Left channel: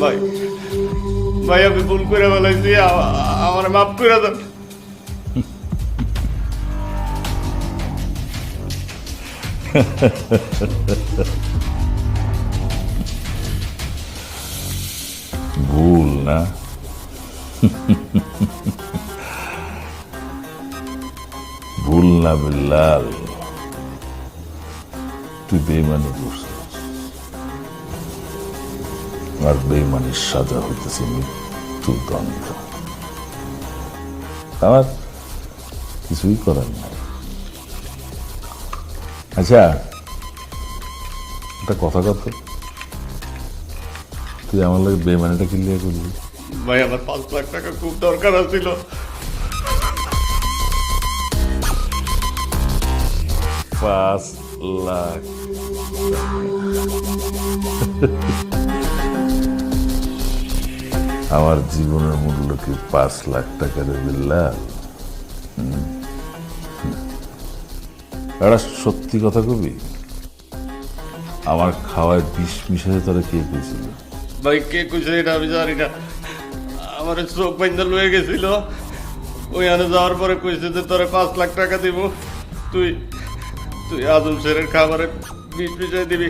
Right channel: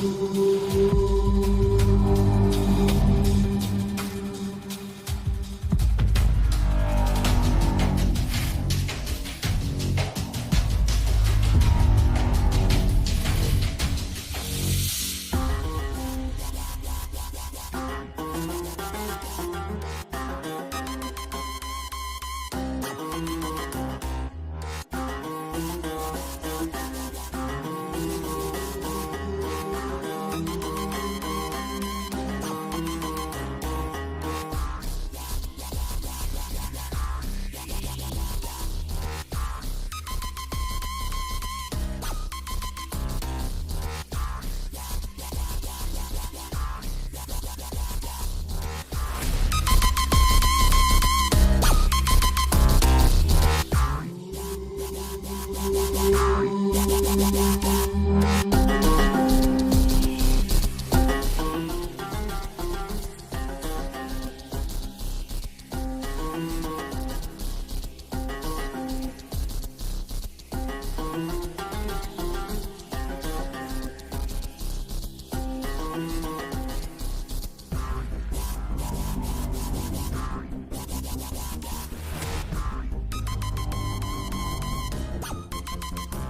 ভাই ভাই আমি ভুল করে বলাইছি, আমার মাফ করে দেন। ভুল না, ভুল না বিল্লাল, তুই বেইমানি করছিস। আর বেইমানির সাজা হইতেছে মৃত্যুর দণ্ড। আমার কিছুই করার নাই। আচ্ছা একটা কথা কত, তুই আমার লাগে বেইমানিটা ক্লিয়ার করবি? ভাই আমার 5 লাখ টাকা খুব দরকার ছিল। 5 লাখ? আমার জীবনের মূল্য কি 5 লাখ টাকা রে বিল্লাল? একটা সত্যি কথা কবি, আমার খাওয়ায় বিষ মিশাতে তোরা কে কইছিল? ভাই কে কইছে এটা আমি জানি না, আমার চোখ বাইন্দা লয়ে গেছিল, ওইখানে যাওয়ার পরে কইছে যে তোরা 5 লাখ টাকা দিব, তুই তুই আজম শেরের খাবারে বিষ মিশাই দিবি।